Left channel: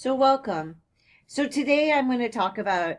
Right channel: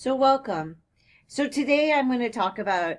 So welcome. So today I'm going to talk about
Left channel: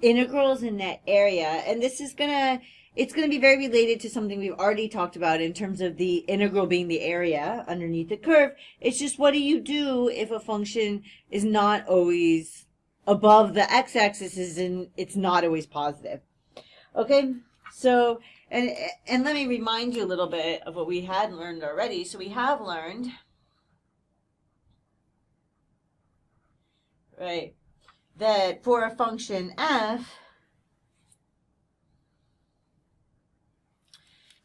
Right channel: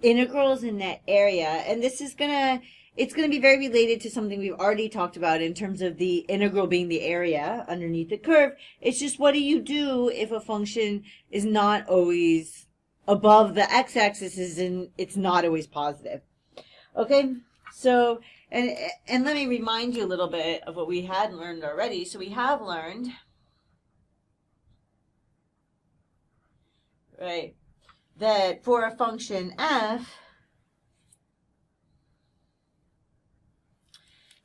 integrals in that area, and it's gonna be very related to something we've already talked about in terms of the integral being the area underneath the curve. It's just what do you do if a function is not always above the x-axis and it's not always positive. Okay, so and let me remind you a little bit of what we had learned already. So we have learned, right, that for a function f,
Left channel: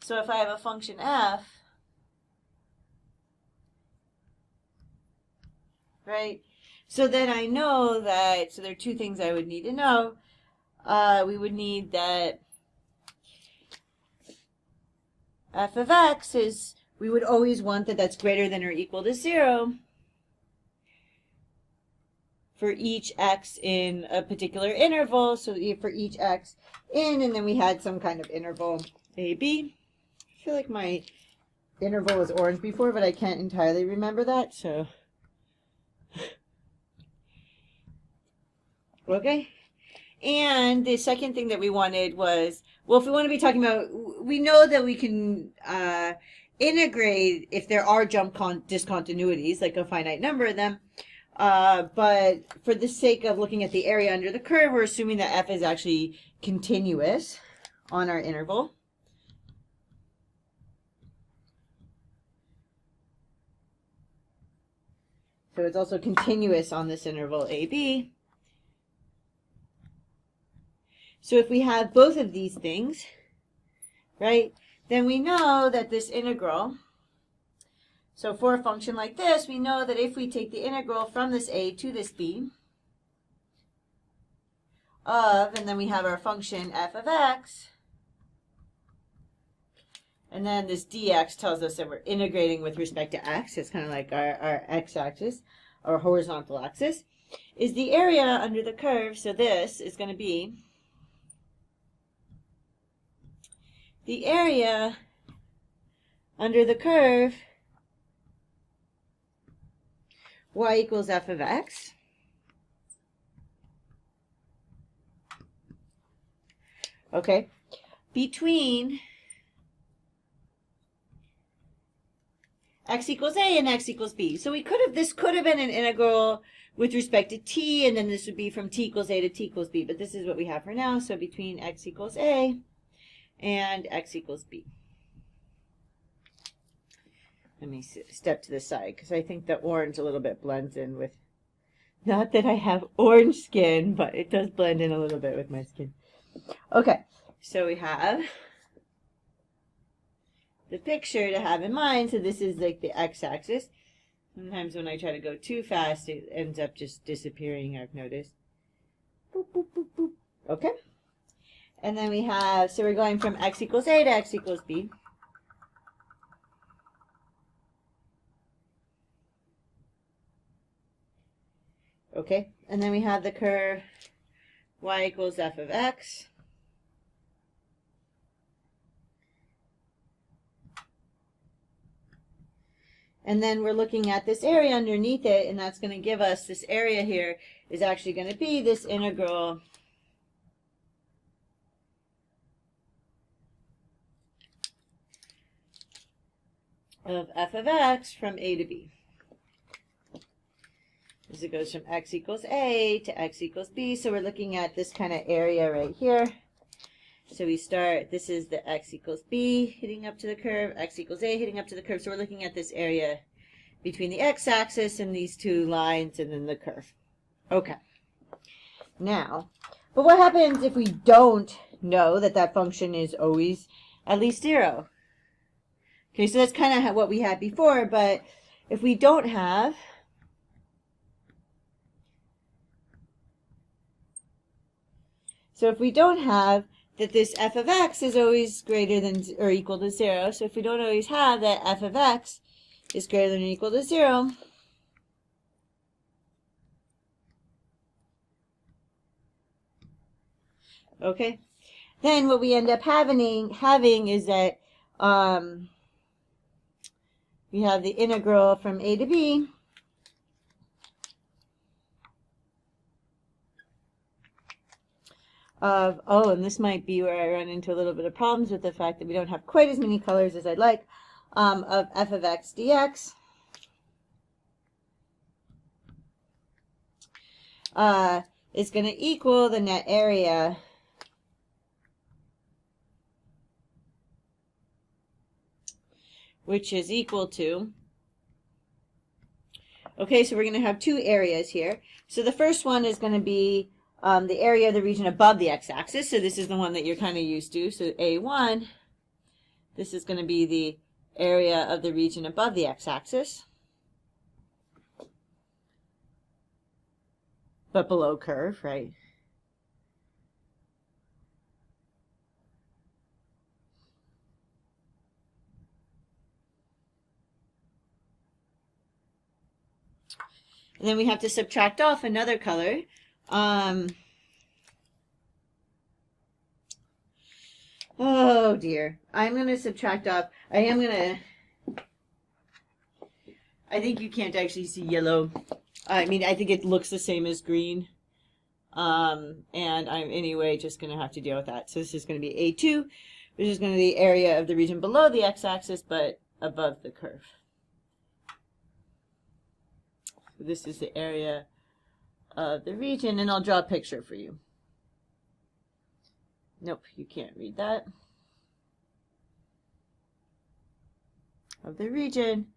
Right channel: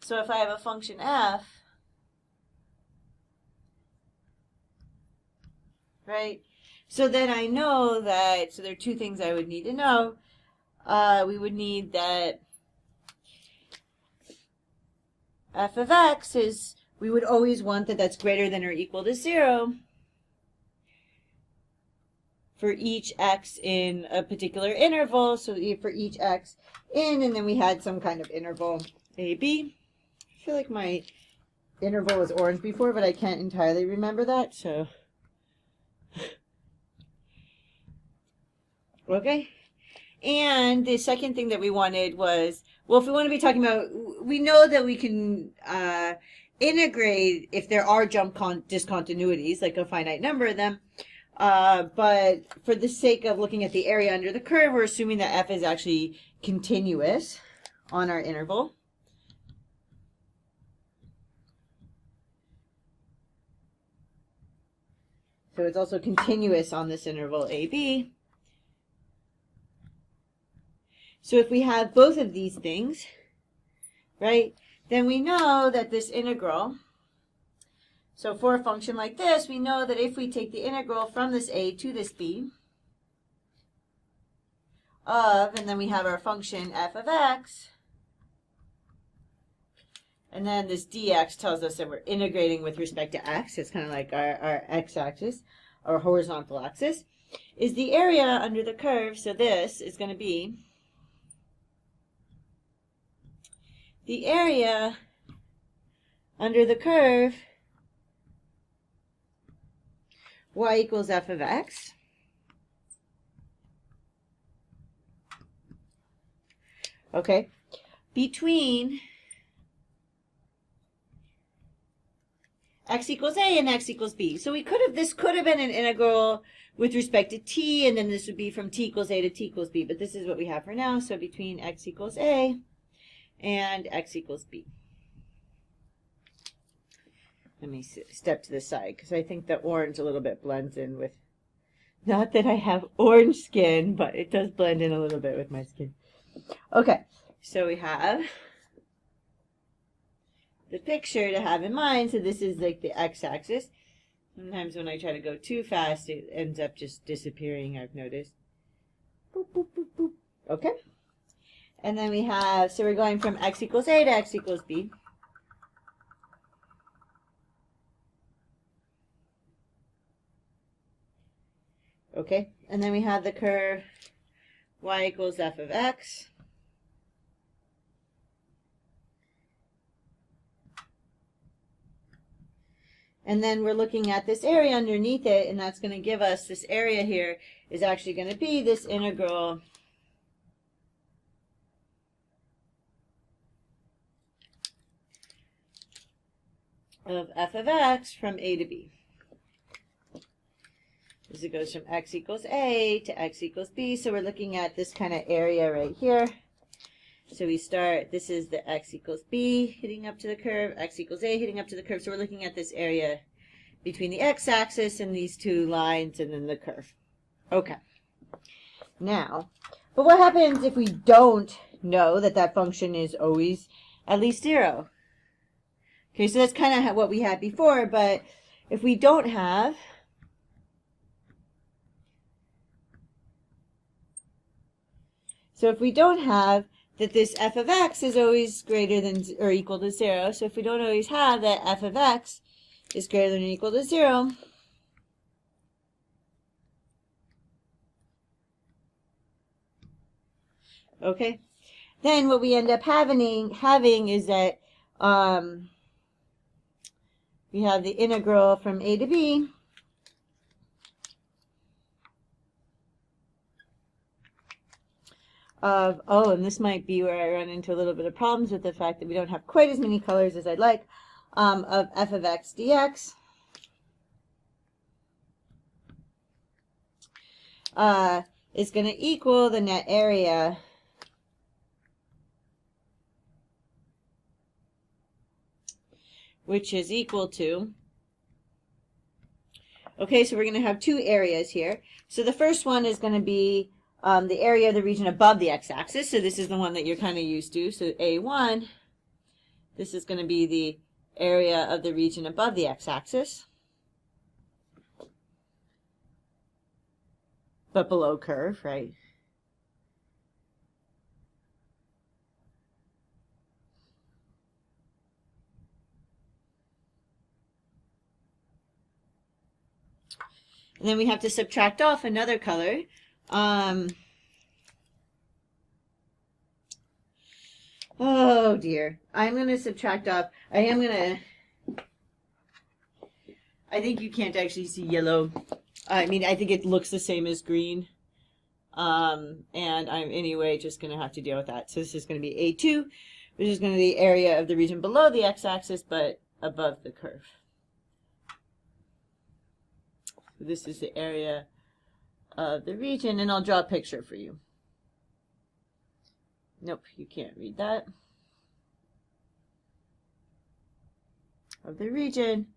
so if I have a function f, right, so then I know that, so there are two things I would need to know. We would need that f of x is, we would always want that that's greater than or equal to 0 for each x in a particular interval. So for each x in, and then we had some kind of interval a, b. I feel like my interval was orange before, but I can't entirely remember that, so. Okay. And the second thing that we wanted was, well, if we want to be talking about, we know that we can integrate if there are discontinuities, like a finite number of them. But for the sake of looking at the area under the curve, we're assuming that f is actually continuous on our interval. So it's also continuous on this interval AB. So if we have both of these things, right, then we know that this integral, so for a function like this, we know that if we take the integral from this a to this b of, and then we have our function f of x, and then this dx tells us that we're integrating with respect to x. It's kind of like our x-axis, our horizontal axis, is the area under the curve. So this is going to be the area under the curve y equals f of x. Okay, between x equals a and x equals b. So this could have been an integral with respect to t, and then this would be from t equals a to t equals b, but this is what we have for now. So between x equals a and x equals b. Let me step to the side because I think the orange a little bit blends in with, not that I have orange skin, but it does blend in a little bit with my skin. Okay, so we have the picture to have in mind. So this is like the x-axis. Sometimes when I try to go too fast, it ends up just disappearing, I've noticed. Boop, boop, boop, boop. Okay. And then we have, so we're going from x equals a to x equals b. Okay, and then we have the curve y equals f of x. And then we're looking at this area underneath it, and that's going to give us, this area here is actually going to be this integral of f of x from a to b. As it goes from x equals a to x equals b. So we're looking at this kind of area right here. So we start, this is the x equals b hitting up to the curve, x equals a hitting up to the curve. So we're looking at this area between the x-axis and these two lines and then the curve. Okay. Now, but what happens if we don't know that that function is always at least 0? Okay, so that's kind of what we had before, but if we don't have, so if we don't have that this f of x is always greater than or equal to 0, so if we don't always have that f of x is greater than or equal to 0, okay, then what we end up having is that we have the integral from a to b of, oh, and this might be where I run into a little bit of problems with the fact that we don't have quite as many colors as I'd like, of f of x dx. Is going to equal the net area which is equal to, okay, so we're going to have two areas here. So the first one is going to be the area of the region above the x-axis. So this is the one that you're kind of used to. So A1, this is going to be the area of the region above the x-axis, but below curve, right? And then we have to subtract off another color. Oh dear. I'm going to subtract off. I think you can't actually see yellow. I mean, I think it looks the same as green. And I'm anyway just going to have to deal with that. So this is going to be A2, which is going to be the area of the region below the x-axis, but above the curve. So this is the area of the region, and I'll draw a picture for you. Nope, you can't read that. Of the region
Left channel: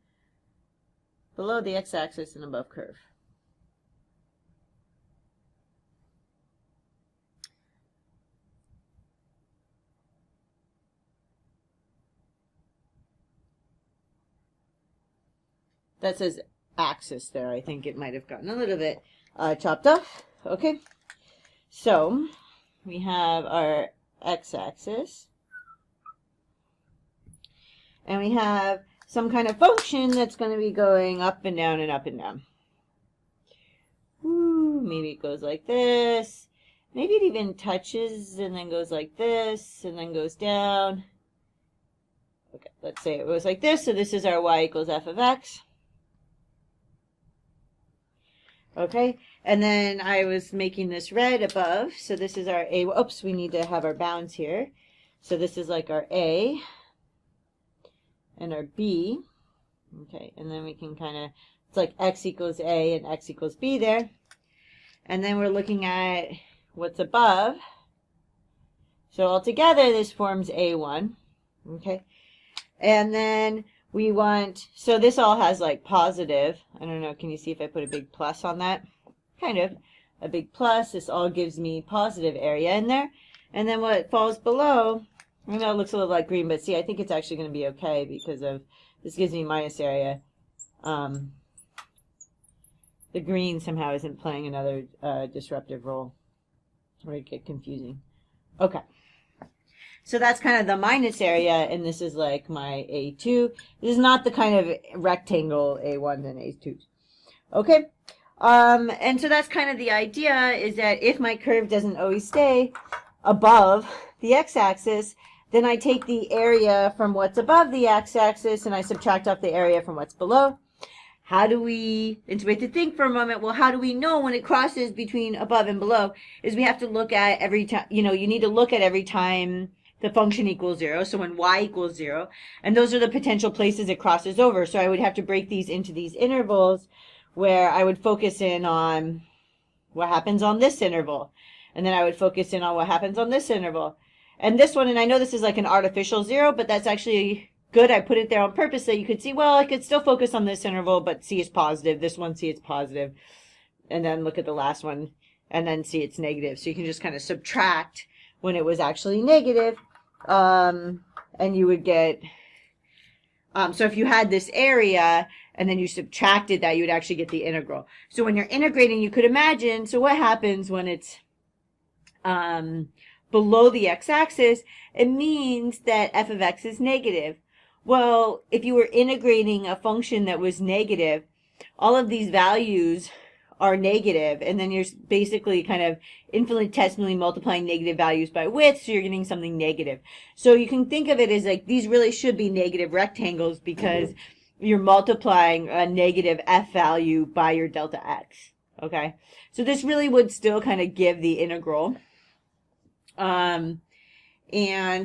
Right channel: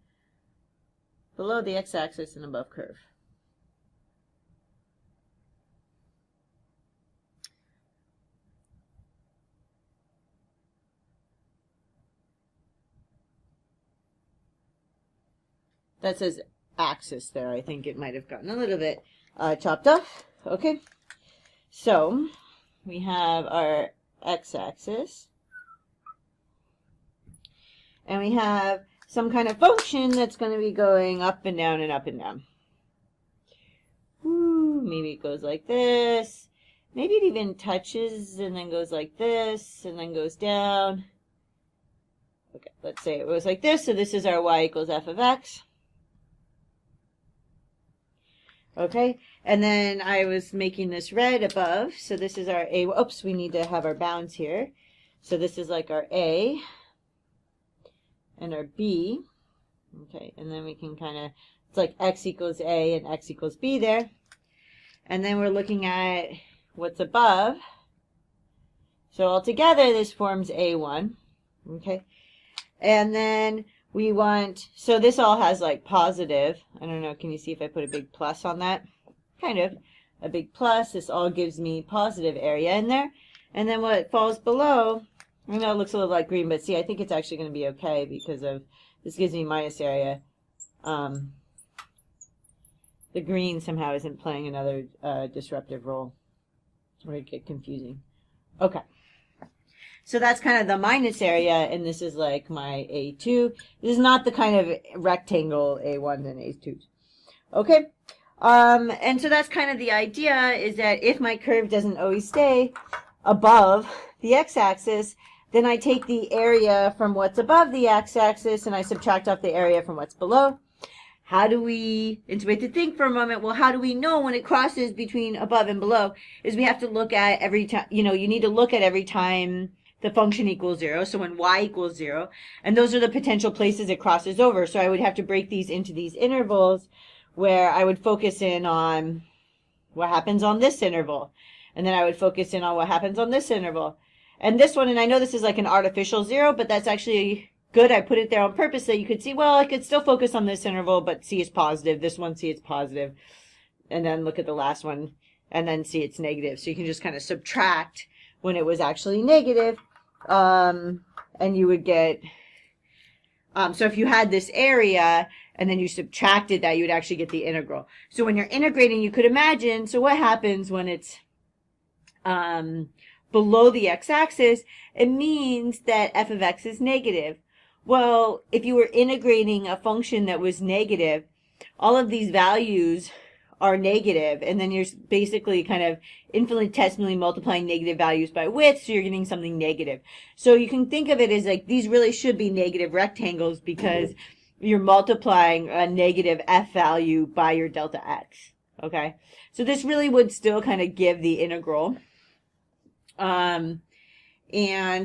below the x-axis and above curve. That says axis there. I think it might have gotten a little bit chopped off. Okay, so we have our x-axis, and we have some kind of function that's going to be going up and down and up and down. Ooh, maybe it goes like this. Maybe it even touches and then goes like this and then goes down. Okay, let's say it was like this. So this is our y equals f of x. Okay, and then I was making this red above. So this is our A. Oops, we need to have our bounds here. So this is like our A and our B. Okay, and then we can kind of, it's like x equals A and x equals B there. And then we're looking at what's above. So altogether, this forms A1. Okay, and then we want, so this all has like positive. I don't know, can you see if I put a big plus on that? Kind of a big plus. This all gives me positive area in there. And then what falls below, I know it looks a little like green, but see, I think it's actually going to be okay because of, this gives me minus area. The green somehow isn't playing another disruptive role. Or it get confusing. Okay. So that's kind of the minus area, and this is like my A2. This is not the kind of rectangle A1s and A2s. Okay, and so that's kind of the idea, is that if my curve doesn't always stay above the x-axis, then I take the area from what's above the x-axis and I subtract off the area from what's below. How do we, and so we have to think for a moment, well, how do we know when it crosses between above and below? Is we have to look at every time, you need to look at every time the function equals 0, so when y equals 0, and those are the potential places it crosses over. So I would have to break these into these intervals where I would focus in on what happens on this interval, and then I would focus in on what happens on this interval. And this one, and I know this is like an artificial 0, but that's actually good. I put it there on purpose so you could see, well, I could still focus on this interval, but see it's positive. This one, see it's positive. And then look at the last one, and then see it's negative. So you can just kind of subtract when it was actually negative. And you would get, so if you had this area and then you subtracted that, you would actually get the integral. So when you're integrating, you could imagine, so what happens when it's below the x-axis? It means that f of x is negative. Well, if you were integrating a function that was negative, all of these values are negative, and then you're basically kind of infinitesimally multiplying negative values by width, so you're getting something negative. So you can think of it as like these really should be negative rectangles because you're multiplying a negative f value by your delta x. Okay, so this really would still kind of give the integral. And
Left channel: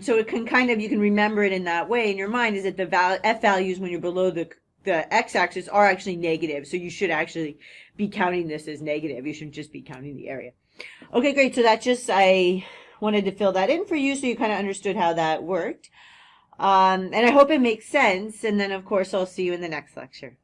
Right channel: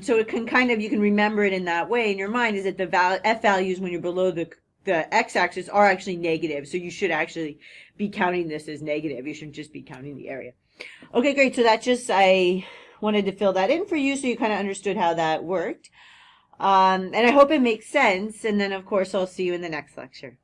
so it can kind of, you can remember it in that way in your mind, is that the f values when you're below the x-axis are actually negative. So you should actually be counting this as negative. You shouldn't just be counting the area. Okay, great. So I wanted to fill that in for you so you kind of understood how that worked. And I hope it makes sense. And then, of course, I'll see you in the next lecture.